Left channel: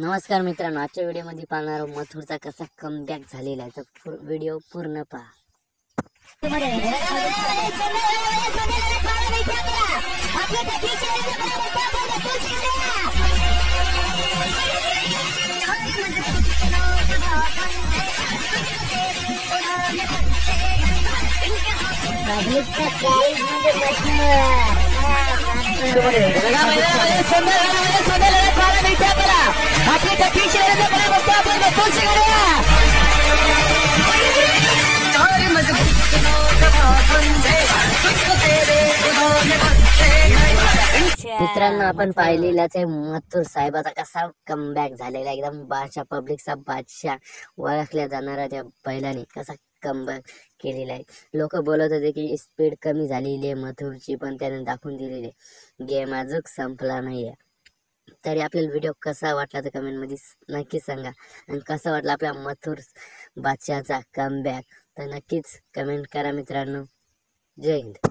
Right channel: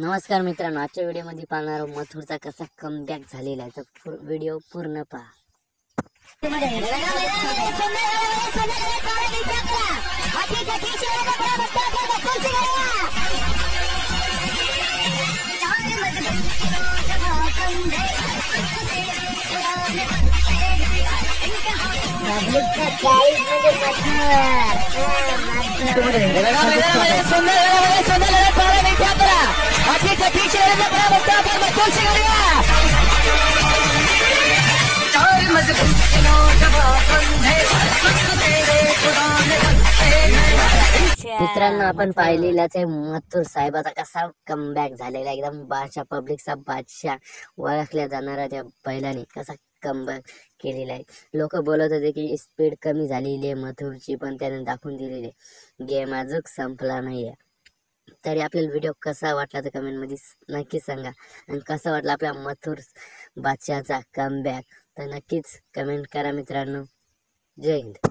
नमस्कार मित्रांनो, आजच्या व्हिडिओमध्ये पाहणार आहोत मथुरचा कसा कमबॅक झालेला आहे. तर व्हिडिओ पूर्ण पहा. मित्रांनो, आपण पाहिलेलाच आहे मथुर साहेबाचा कसा कमबॅक झालेला. एकदम बादशाह, पब्लिकचा बादशाह ओळखल्या जाणारा त्या बैलाने कसा कमबॅक केलेला आहे. लोक बोलत होते की स्पीड कमी झालेली आहे मथुरची, पण त्याने दाखवून दिलेली गेम अजून संपला नाहीये. तरी आपल्याला व्हिडिओ कसा वाटला तर कमेंट मध्ये नक्की सांगा. आणि कसा वाटला आपल्या मथुर बादशाहचा कमबॅक तर नक्कीच कमेंट करा मित्रांनो. जय हिंद.